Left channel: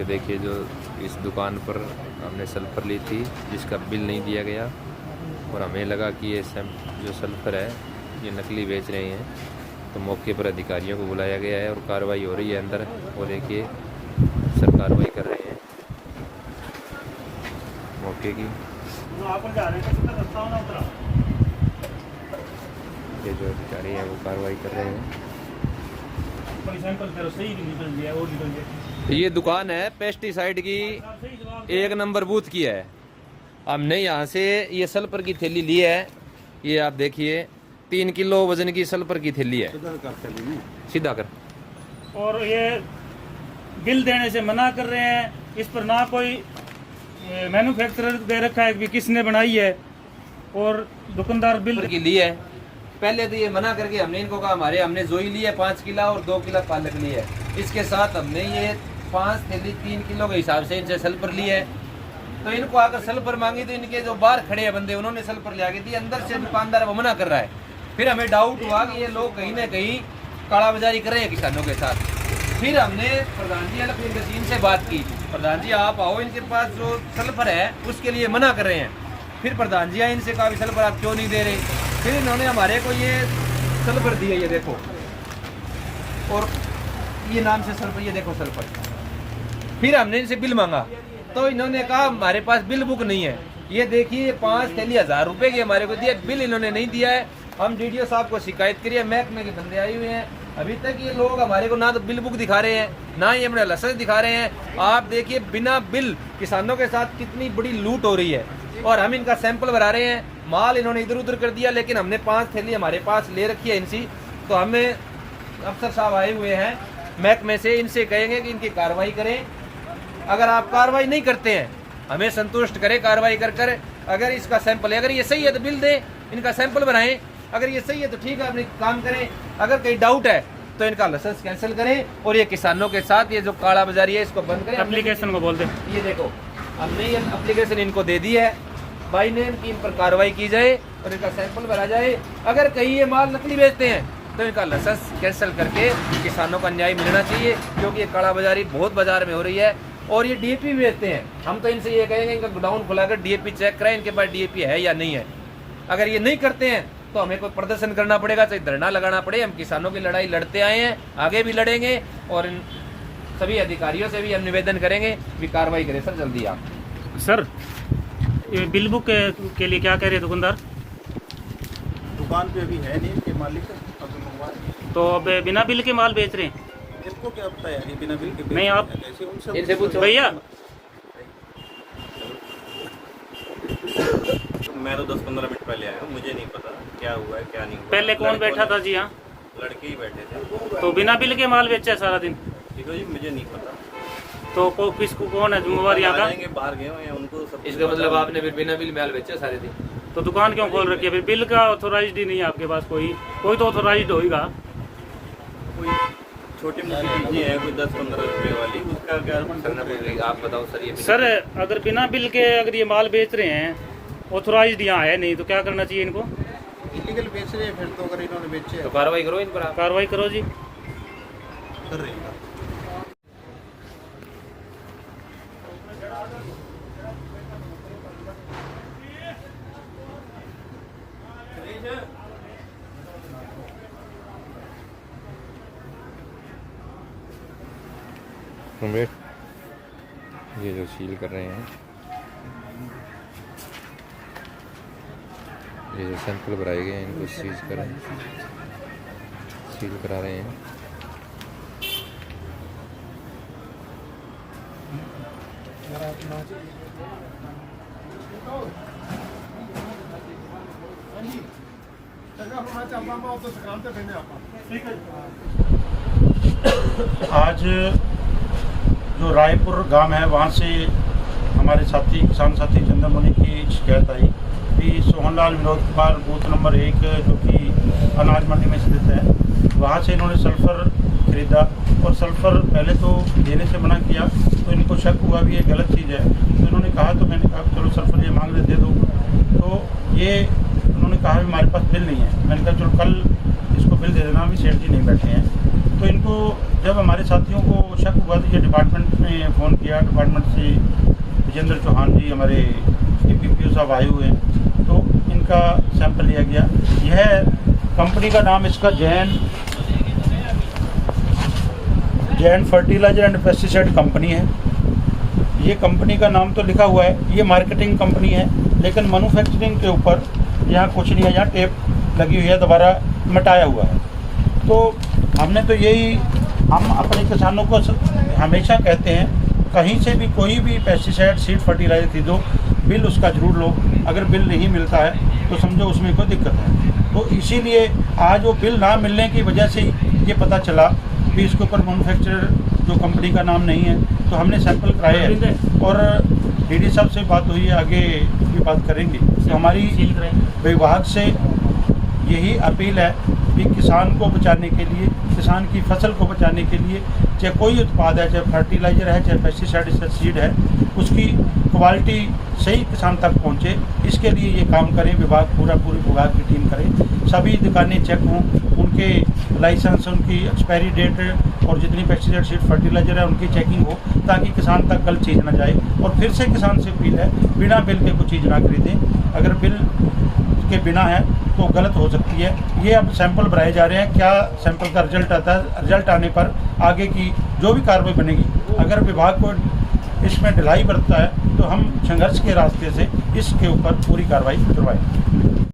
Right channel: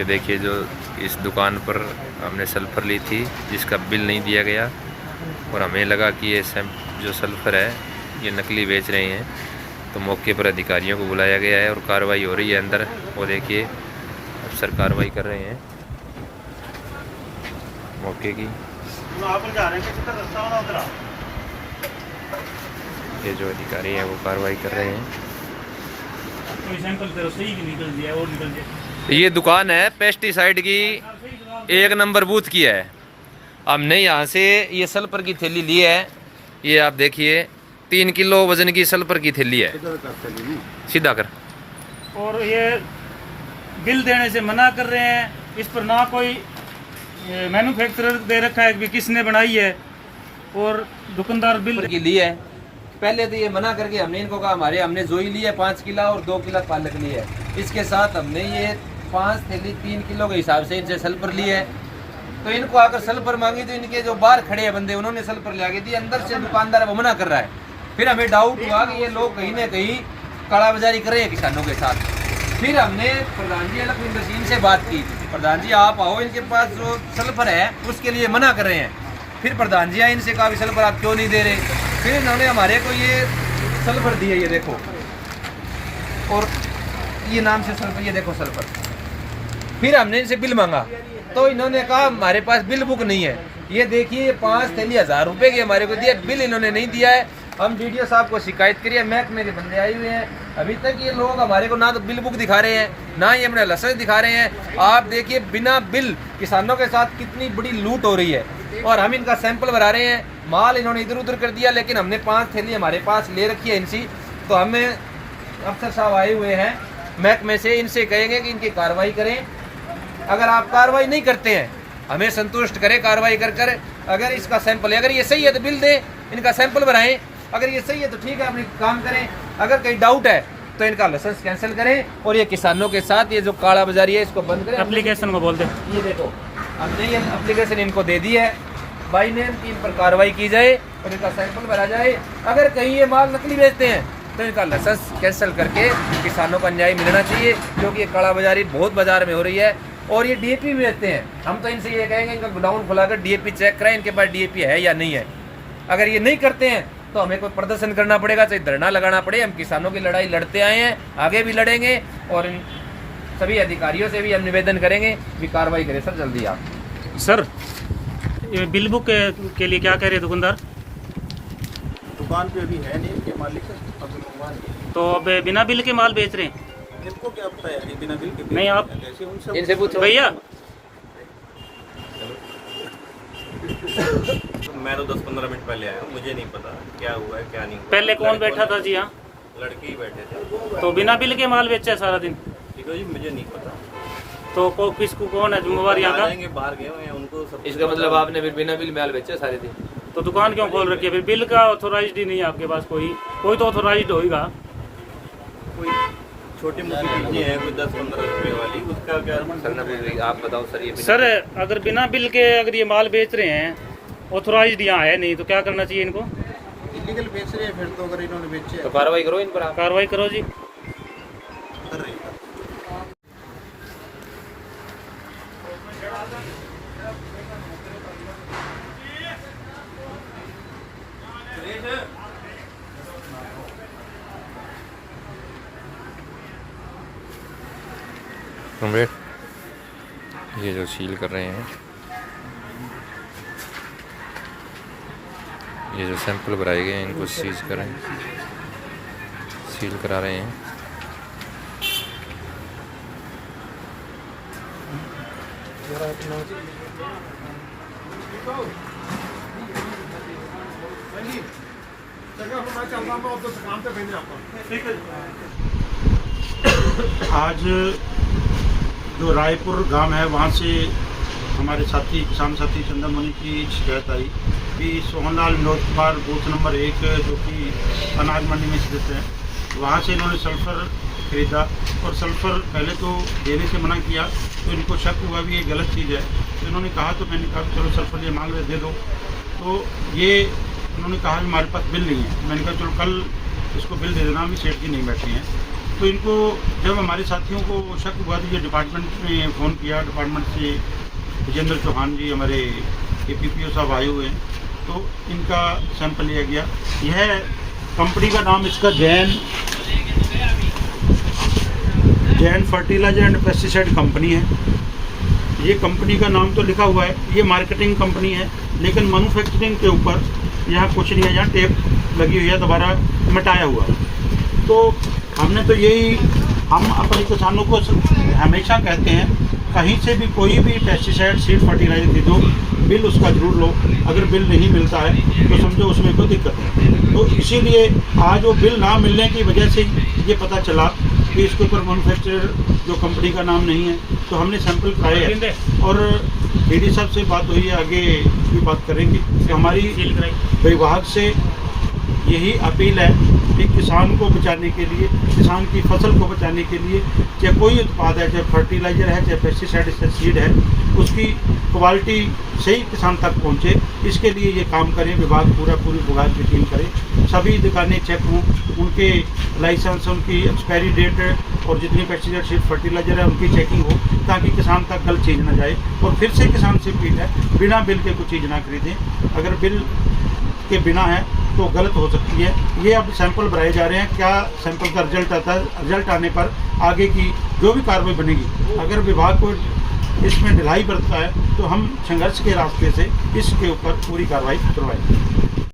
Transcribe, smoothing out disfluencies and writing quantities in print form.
ये देखिए जो इस दुकान पर हमने सल्फ़र ली थी जिसका बिल नहीं दिया गया और हमें लगा कि ये जो सल्फ़र है ये नकली बेच रहे हैं, तो मौके पर अधिकारियों को बुलाया गया है और कार्रवाई हो रही है अंदर। वो देखिए अफसर कार्रवाई कर रहे हैं मौके की। ये जो अधिकारी हैं वो कार्रवाई कर रहे हैं। ये दुकान है पेस्टिसाइड की, 1 नंबर बूथ की है। हमने यहाँ से ये सल्फर की थैली ली है, ये आप देखिए 3 किलो वजन की सल्फर की थैली है। सीधा कर। और ये बिल देने से मना कर रहे हैं, इस पर ना कोई मैन्युफैक्चरर दे रखा है कि किसने बनाई है, और दुकानदार बिल की ली है। पहले तो ये मना करके हमने इनको कहा हमने जोई ली है 5 किलो और 2 किलो पालक ली है। इसके साथ हमने ये 5 थैली 3 किलो के हिसाब से इनसे सल्फर ली है। तो इनको आकर सल्फर मांगी तो इनके जो बाहर खड़े हैं बंदे उन्होंने सल्फर ले आके दी। अंदर से दुकानदार वो मना कर रहा है। फिर हमें डाउट हुआ कि ये लोग कहीं ना कहीं कालाबाजारी कर रहे हैं किसानों के साथ। फिर हमने प्रधान जी अलग इंडस्ट्री से बात की, प्रधान जी आप आओ, इनके पास जो सल्फर है उसके लिए मना कर रहे हैं। फिर प्रधान जी आए, इनसे कहा सल्फर आप क्यों नहीं दे रहे। फिर इन्होंने हमारे को ये सल्फर दी है, ये देखो, और ये नाम से सल्फर, ये देखो सल्फर। फिर हमने इनसे बिल मांगा तो इन्होंने कहा हमारे पास बिल बुक नहीं है। ये देखिए 5 थैली 1000 रुपए की हमारे को दिया, बिल इन्होंने नहीं दिया है। हम डीडीओ साहब को शिकायत करिए, महकमे के बंदे आए हुए हैं। अभी तक ये लोग हमारे को ना तो बिल बुक दिखा रहे हैं, ना ही अपने लाइसेंस दिखा रहे हैं। आप देखिए बिना बिल किसानों के साथ कितनी बड़ी लूट हो रही है। और हम इनका सैंपल भरा रहे हैं, माल इन्होंने इधर उधर कर दिया, लेकिन हमने 5 थैली हमारे पास ले रखी है इनसी। तो हमें अफसर साहब आए हुए हैं महकमे से, इनसे कहेंगे कि इनकी कार्रवाई करें। अगर आप कार्रवाई नहीं करते हैं हमें संतुष्ट करें कार्रवाई कर कर। अगर इसका सैंपल है, अगर ये सही है तो बिल दें, इनका सैंपल बनाएं। अगर ये सही है तो ठीक है, अपनी काम करें। अगर कहीं डाउट है तो इनका लाइसेंस कैंसिल करें और ये किसानों के साथ ये जो काला बाजारी है इसको बंद करें। एप्लीकेशन को बोल दे, ये देखो हमने ये एप्लीकेशन इनको दे दी है बाई नेम की, इन पर कार्रवाई की जाए और इनका सैंपल भरा जाए। अगर कहीं ये माल नकली बेचते हैं तो इनका लाइसेंस कैंसिल करके किसानों का न्याय मिलना चाहिए, क्योंकि ये काला बाजारी बहुत बाजार में हो रही है। और ये डीएपी बेचते हैं, हम तो इनसे ये कहेंगे इनका गोडाउन खुलाकर डीएपी चेक कराएं, इनके पास डीएपी है या नहीं है। अगर ये नहीं करते हैं तो हमें कोई प्रदर्शन करना पड़ेगा, चाहे धरना लगाना पड़े। हम किसानों की लड़ाई लड़ते आए हैं, आगे भी लड़ेंगे और इन सभी अधिकारियों से भी हम निवेदन करेंगे भी कार्रवाई करें सर जल्दी आप। सर ये बिल बुक के लिए क्या कह रहे हैं दुकानदार? दुकान पे अभी है नहीं के मालिक, तो अब बिना बिल के माल बेच रहे हैं? इनको क्या पता है बिना बिल के? नहीं, आप इनसे पूछो भैया। मैं तो 10-15 मिनट पहले आया हूँ, मुझे नहीं पता क्या हुआ है क्या नहीं हुआ। पहले कौन बैठा था जी यहाँ? लड़के ही बैठे थे। तो बिना बिल के माल बेचा है सारा दिन? ठीक है जी, मुझे नहीं पता। तो किसको कौन है जिम्मेवार यहाँ का? बाहर गए हुए हैं उनको सब। इसका मतलब आपने फिर बिना बिल माल बेचा सारे दिन? तो दुकान क्यों खोल रखी है फिर? बिल का ऑथोराइज्ड ही नहीं है आपके पास? कोई तो ऑथोराइज्ड होगा। कोई छोटी मोटी चीजें हैं, कोई 10-15 रुपए वाली, उसका क्या आप बताओ सर। ये सर अगर बिना बिल के अगर ये माल बेच रहे हैं, ऑथोराइज्ड यहाँ है नहीं, तो क्या करना चाहिए इनको? इलीगल बेच रहे हैं फिर तो। अगर इन्होंने बेचे तो कार्रवाई करो इन पर आप। कार्रवाई करो जी। कर रही है। ये जो सील कर रहे हैं, ये जो सैंपल भराए गए हैं इनको सीज करें, सील करा रहे हैं। आज जो रायपुर गांव है वहाँ से हमारे साथी किसान साथी चंद्रमणि की शिकायत आई कि सोहनलाल विनोद कुमार बूथ नंबर 1 जो कि अनाज मंडी में स्थित है, वहाँ से इन्होंने सल्फ़र खरीदा और सल्फ़र पहले तो देने से मना किया। तो इनको शक हुआ भी ये गलत चीज़ है, तो इन्होंने कहा, तो मैंने कहा चलो सल्फ़र ये माल में दे दो। तो ये उन्होंने कहा हमारे पास बिल नहीं है। मैंने कहा चलो कल इसको बिल दे देना, अभी सेठ जी नहीं बैठे हैं। तो इनको जब हमारे साथियों को शक हुआ तो ये डिपार्टमेंट में फ़ोन किया, डिपार्टमेंट से विजेंद्र चौहान जी हमारे APPO साहब आए हुए हैं, तो इनका सैंपल लिया गया। यह कंपनी का नाम इसका Jain fertiliser and pesticide company है। ये कंपनी का नाम तो लिखा हुआ है, ये मार्केटिंग कंपनी है, लेकिन मैन्युफैक्चरिंग के ऊपर यहाँ कुछ नहीं है, यहाँ टेप लगी हुई है, दोबारा मिटाया हुआ है। तो हमने तो यही, हम अपने किसानों को हमेशा कहते हैं, कहीं से भी कोई भी पेस्टिसाइड सीड फर्टिलाइजर खरीदो, बिल उसका ज़रूर लो। अगर बिल नहीं मिलता है तो समझो उसमें कोई दिक्कत है। तो इसीलिए आज वो बिल ना मिलने की वजह से ये पता चला कि इसके ऊपर मैन्युफैक्चरर जो कंपनी का नाम नहीं है, तो हमने सैंपल कराए हैं और डीडी साहब से बात हुई है, आगे भी बात करेंगे। तो हमारी विभाग से यही अपील है कि किसान को बचाने के लिए, किसान की फसल को बचाने के लिए, चाहे कोई उत्पाद है, चाहे फर्टिलाइज़र है, चाहे पेस्टिसाइड सीड है, उसकी क्वालिटी सही किसान तक पहुंचे, इसके लिए ये काम करें। विभाग पूरी विभाग की टीम करे, सभी दुकानें चेक हों, उनके लाइसेंस, उनकी एक्सपायरी डेट और जितनी पेस्टिसाइड सीड फर्टिलाइज़र है उनकी चेकिंग हो, ताकि किसान तक गलत चीज़ ना जाए। और फिर से किसान से अपील है, बिना बिल के कुछ चीज़ ना खरीदें। अगर बिल के बिना है तो गलत हो सकती है। ये अब सैंपल भराए जा रहे हैं, क्या सैंपल का रिजल्ट आता है, रिजल्ट आने पर आगे की जो भी कार्रवाई बनेगी, अगर विभाग को इसमें ढिलाई बरतता है तो हम संघर्ष के रास्ते से इसके ऊपर पूरी कार्रवाई करवाएंगे।